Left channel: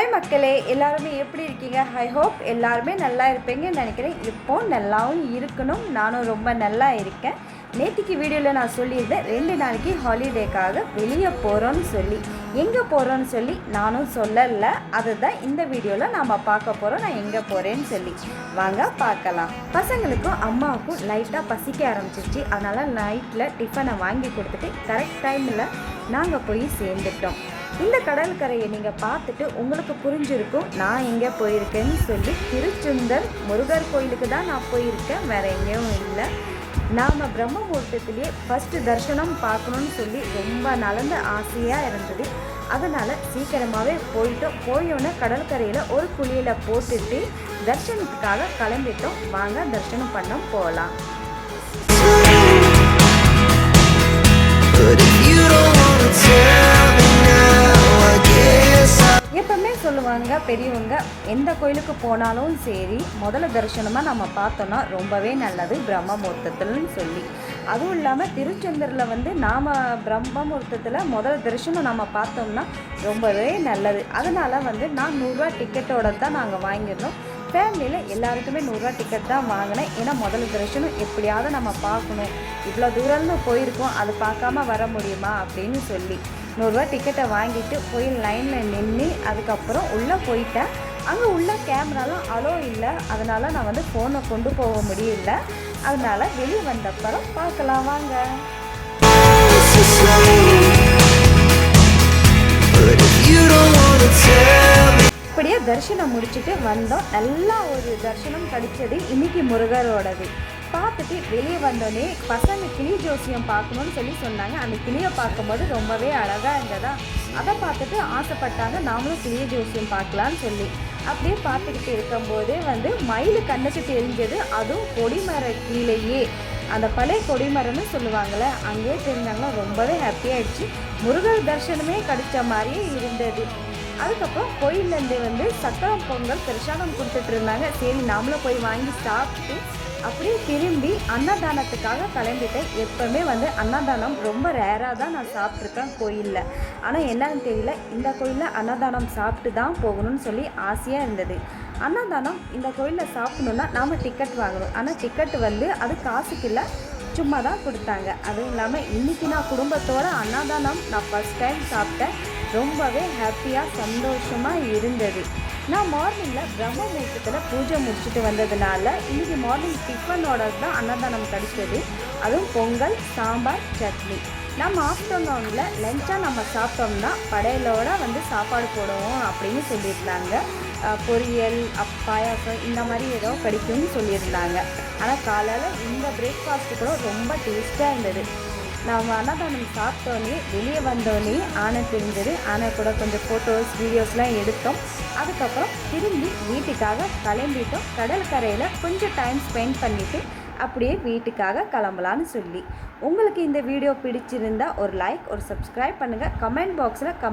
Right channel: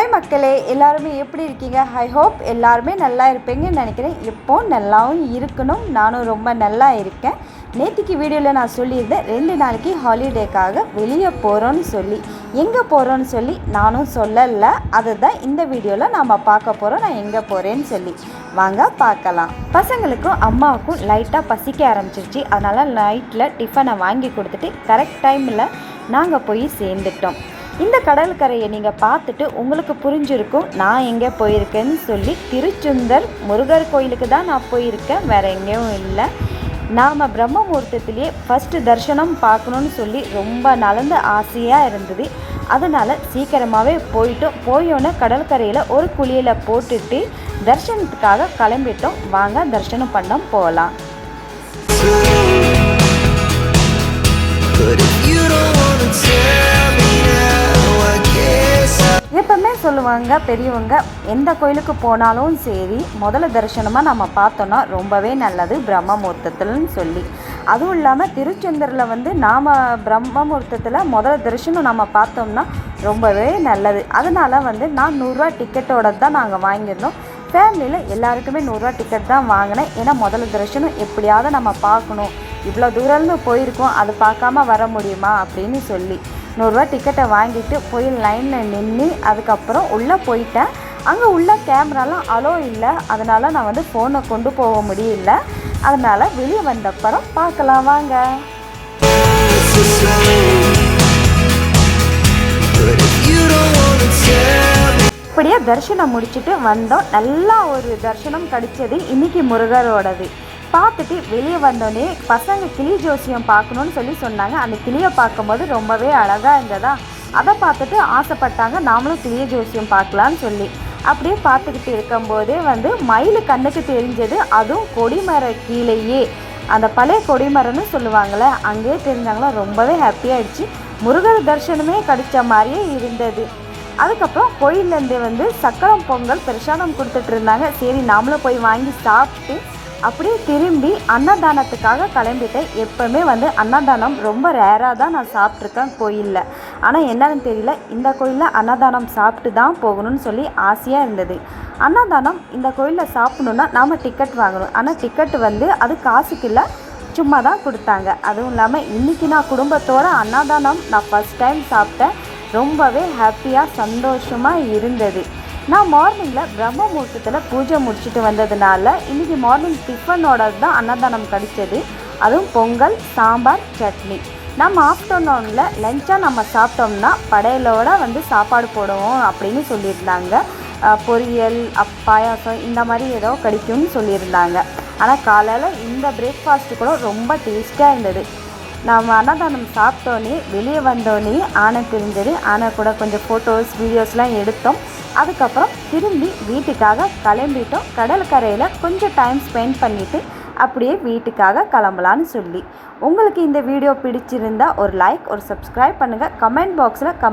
Hi மக்களே. எல்லாருமே எப்படி இருக்கீங்க? ஐ ஹோப் எல்லாருமே நல்லா இருப்பீங்கன்னு நினைக்கிறேன். இப்போ நல்லாவும் இருக்கணும். நானும் ரொம்ப நல்லா இருக்கேன். நேற்றுக்கு வீடியோவில் நான் சொல்லியிருந்தேன் ரெண்டு நாளைக்கு ஹாலிடேக்காக வெளியே போகிறோன்னு சொல்லி எங்கே போகிறோன்னு சொல்லி நானும் சொல்லலை. அதுதான் இந்த வீடியோவில் நாம் பார்க்க போகிறோம் நான் எங்கே போகிறேன்னு சொல்லி. வாங்க பார்க்கலாம். பசங்களுக்கும் அம்மாவுக்கும் லைட்டாக பசிக்க ஆரம்பிச்சிருச்சு. அதனால் நைட்டில் டிஃபனை வாங்கி கொடுத்துட்டு கரெக்ட் டைமில் நாங்கள் போய் சேர்ந்துட்டோம். இந்த கடற்கரையை நீங்கள் பார்த்துட்டு உங்களுக்கு புரிஞ்சிருக்கும் நான் எங்கே போயிருக்கேன்னு சொல்லி திருச்சுந்தர் முருகர் கோயிலுக்கு தான் நான் போயிருக்கேன். வேறு எங்கேயும் இல்லை. நாம் பிரம்ம முகூர்த்தத்திலேயே ஃபஸ்ட்டு தரிசனம் பார்க்கணுன்னு சொல்லி ரொம்ப நலந்த ஆசையாக இருந்தது. அதனால் சீக்கிரமாகவே போயிட்டோம். போயோன்னே கடற்கரையில் ஒரு குழியில் போட்டுட்டு தரிசனத்துக்காக கிளம்பிட்டோம். வாங்க தரிசனம் பண்ண போகலாம். But if you don't wanna tell எப்பவுமே சொல்லுவாங்க பெரியவங்க எந்த கோயிலுக்கு போனாலும் சரி முதல்ல தரிசனமாக நம்ம பார்த்தோன்னா ரொம்பவே நல்லது பிரம்மமூர்த்தத்தில்னு சொல்லி. அதுவும் இல்லாமல் திருச்செந்தூரில் வந்து நாம் பிரம்ம முகூர்த்தத்தில் முதல்ல தரிசனம் நம்ம பார்த்தோம்னா ரொம்பவே நல்லது. அதனால் வந்து நான் நூறுரூவா டிக்கெட்டோட தான் நாங்கள் வாங்கியிருந்தோம். ஃபேமிலியில் எல்லாருக்குமே நூறுரூவா டிக்கெட் தான் வாங்கினேன். ஏன்னா முதல்ல தரிசனம் எப்படியாவது நம்ம பார்க்கணும். இவ்வளோ தூரம்னு போயிருக்கோம் அது பார்க்காம வர முடியுமா அப்படின்னு சொல்லி. நூறுரூவா டிக்கெட்டை வாங்கிட்டு போய் லைனில் நின்று அதுக்கப்புறம் உள்ளே போயிட்டேன். அங்கே உள்ள கேமராலாம் அலோ இல்லை. அதனால் நான் வந்து ஃபோனை கொண்டு போக முடியல. அதனால் வெளியே வந்தப்புறம் பார்க்கலாம் வாங்க. இப்படியே தரிசனம் முடிச்சுட்டு வந்தோம். நல்லா ஒரு தரிசனம் கிடைச்சது இன்னைக்கு முருகரோடது. பார்த்துட்டு வெளியே வந்தோடனே பசங்க கிளி ஜோசியம் பார்க்கணுன்னு சொல்லி சொன்னாங்க. அந்த கிளியை பார்க்கும்போது ரொம்பவே அழகாக இருந்ததா? அதை பார்த்துட்டு ஆசைப்பட்டாங்க. நாமளும் கிளிய ஜோசியம் பார்க்கலான்னு சொல்லி. அப்படியே பார்த்துக்கிட்டு இருக்கும்போதே வந்து மயில் கண்ணுக்கு தெரிஞ்சது. அதுவும் கொடிமர கீழேயே. அந்த பழைய கொடிமரம்னு சொல்லுவாங்கள்ல அங்கேயே தெரிஞ்சாங்களா ரொம்பவே ஹாப்பியாகிடுச்சு முருகர் தரிசனமே கிடைச்ச மாதிரியே இருந்தது. அதுக்கப்புறம் கோயிலேருந்து வந்து சக்கரம் பொங்கல் பிரசாதம் கொடுத்துட்டு இருந்தாங்க. சரி நாமளும் போய் வாங்கி சாப்பிட்டு அப்படியே திரும்பி அன்னதானத்துக்காக கிளம்பிட்டேன். எப்போவுமே வந்து அன்னதானம் ரொம்ப ரேராக தான் நான் சாப்பிட்ருக்கேன் கோயிலில். ஆனால் என்னன்னு தெரியல. இந்த கோயிலில் அன்னதானம் சாப்பிட்டு தான் போகணும்னு சொல்லி ஆசையாக இருந்தது. அன்னதானம் இந்த கோயிலில் சாப்பிடணுன்னா நாம் டிக்கெட் வாங்கணும். ஆனால் டிக்கெட் வந்து அது காசுக்கு இல்லை. சும்மா தான் கொடுத்தாங்க. அதுவும் இல்லாமல் இன்றைக்கி நான் குடும்பத்தோட அன்னதானம் நான் ஃபஸ்ட் டைம் சாப்பிட்டேன். ரொம்பவே ஹாப்பியாக சந்தோஷமாக இருந்தது. நான் மார்னிங்கில் பிரம்ம முகூர்த்தத்தில் பூஜை முடிச்சுட்டு வந்ததுனால இன்றைக்கி மார்னிங் டிஃபனோட தான் அன்னதானம் கிடைச்சது. அதுவும் பொங்கல் சாம்பார் சட்னி. நம்ம ஆஃப்டர்நூனில் லஞ்சாக நம்ம சாப்பிட்டோம்னா படையலோட வந்து சாப்பாடு போடுவோம் அப்படின்னு சொல்லியிருந்தாங்க. பொரியல் அப் பாயாசம் இந்த மாதிரி ஏதோ கிடைக்கும்னு சொல்லியிருந்தாங்க. ஆனால் காலையில் இந்த பிரேக்ஃபாஸ்ட்டு கூட ரொம்ப டேஸ்ட்டாக இருந்தது. நாம் அன்னதானம் சாப்பிட்டோன்னே வெளியே வந்தோன்னே ஆனை தெரிஞ்சது. ஆனை கூட கொஞ்சம் ஃபோட்டோஸ் வீடியோஸ்லாம் எடுத்தோம். அதுக்கப்புறம் திரும்பி வீட்டுக்காக கிளம்பிட்டோம். கடற்கரையில் கொஞ்சம் டைம் ஸ்பெண்ட் பண்ணிவிட்டு அப்படியே வீட்டுக்காக கிளம்பலான்னு சொல்லி. உங்களுக்கு இந்த வீடியோ பிடிச்சிருந்தா ஒரு லைக் ஒரு சப்ஸ்கிரைப் பண்ணுங்கள் கமெண்ட் பாக்ஸில் கம்